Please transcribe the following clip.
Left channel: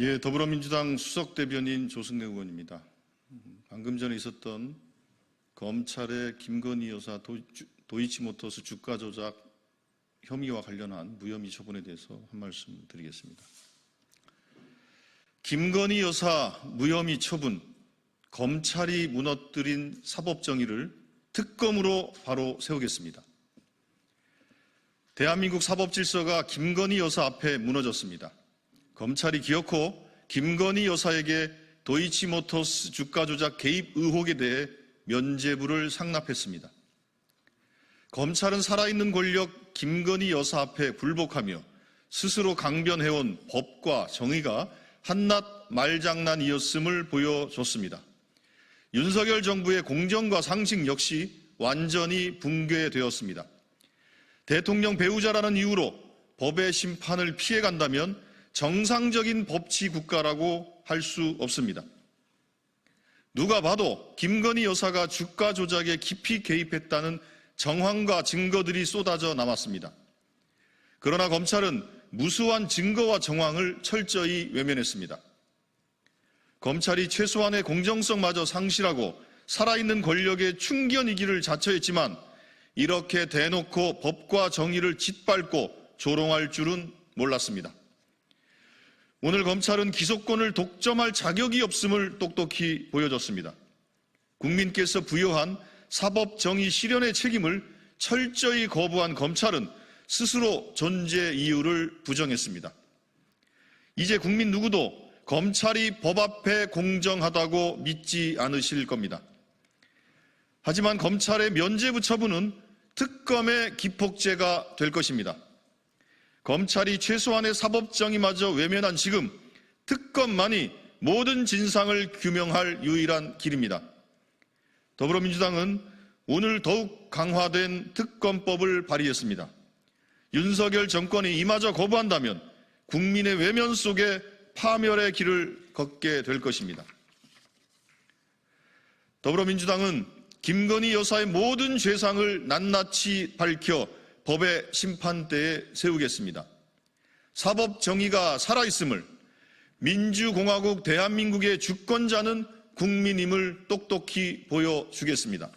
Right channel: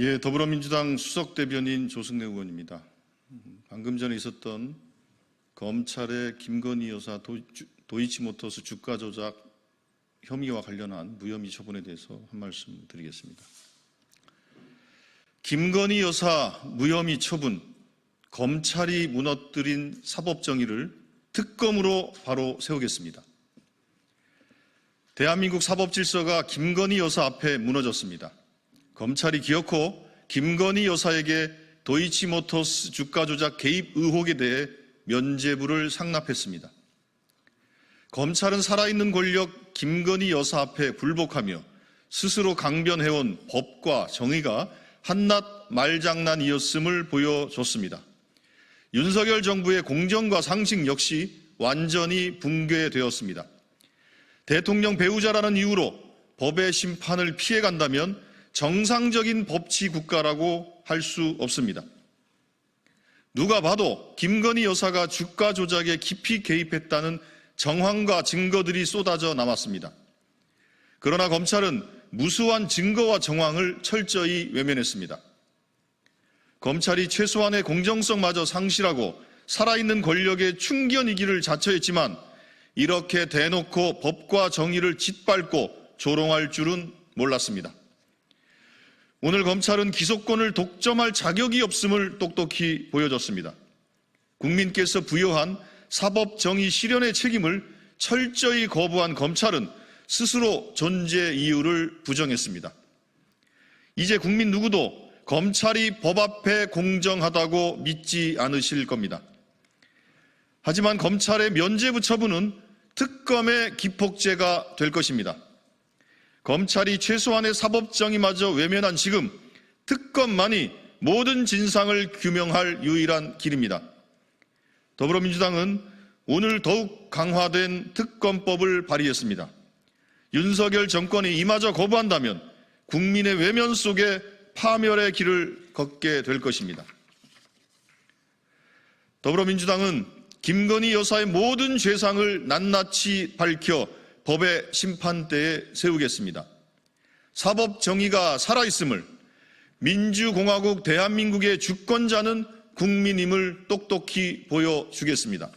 예, 더불어민주당 수석 대변인 조승래 의원입니다. 음, 방금 전에 있었던 검찰의 김건희 여사 도, 도이치모터스 주가 조작 혐의와 관련한 무혐의 처분에 대해서 한 말씀 드리겠습니다. 김건희 여사 무혐의 처분, 검찰이 무너뜨린 사법정의를 특검으로 바로 세우겠습니다. 대한민국 사법 질서가 김건희 여사 앞에 무너졌습니다. 검찰이 기어코 김건희 여사에게 도이치모터스 주가 조작 개입 의혹에 대해 면죄부를 상납했습니다. 검찰은 살아있는 권력 김건희 여사 앞에 불복하며 스스로 강변해온 법과 정의가 한낱 말장난이었음을 보여줬습니다. 윤석열 정부의 공정과 상식 역시 완전히 붕괴되었습니다. 대통령 배우자라는 이유로 법의 심판을 피해간다면 정상적인 법치 국가라고 할 수 없습니다. 누가 봐도 김건희 여사가 주가 조작에 깊이 개입했다는 정황과 증거들이 쏟아져 나왔습니다. 그러나 검찰은 무수한 증거와 정황을 철저히 외면했습니다. 검찰이 최소한의 공정성마저 상실하고 살아있는 권력의 충견이기를 자처했지만 이렇게 대놓고 법과 정의를 짓밟고 조롱할 줄은 몰랐습니다. 오늘 검찰은 기소권을 독점할 자격이 없음을 똑똑히 보여줬습니다. 국민께서 부여한 사법 정의 실현의 책임을 철저히 거부한 검찰은 스스로 존재 이유를 부정했습니다. 이제 국민 누구도 검찰이 법 앞에 공정하다고 믿지 않으실 겁니다. 하지만 검찰의 면죄부 처분은 특검의 기폭제가 될 것입니다. 검찰이 최소한의 사법정의마저 외면한 지금 특검만이 모든 진상을 규명할 유일한 길입니다. 더불어민주당은 오늘 더욱 강화된 특검법을 발의했습니다. 윤석열 정권이 이마저 거부한다면 국민의 외면 속에 파멸의 길을 걷게 될 것입니다. 더불어민주당은 김건희 여사의 모든 죄상을 낱낱이 밝혀 법의 심판대에 세우겠습니다. 사법 정의가 살아있음을 민주공화국 대한민국의 주권자는 국민임을 똑똑히 보여주겠습니다.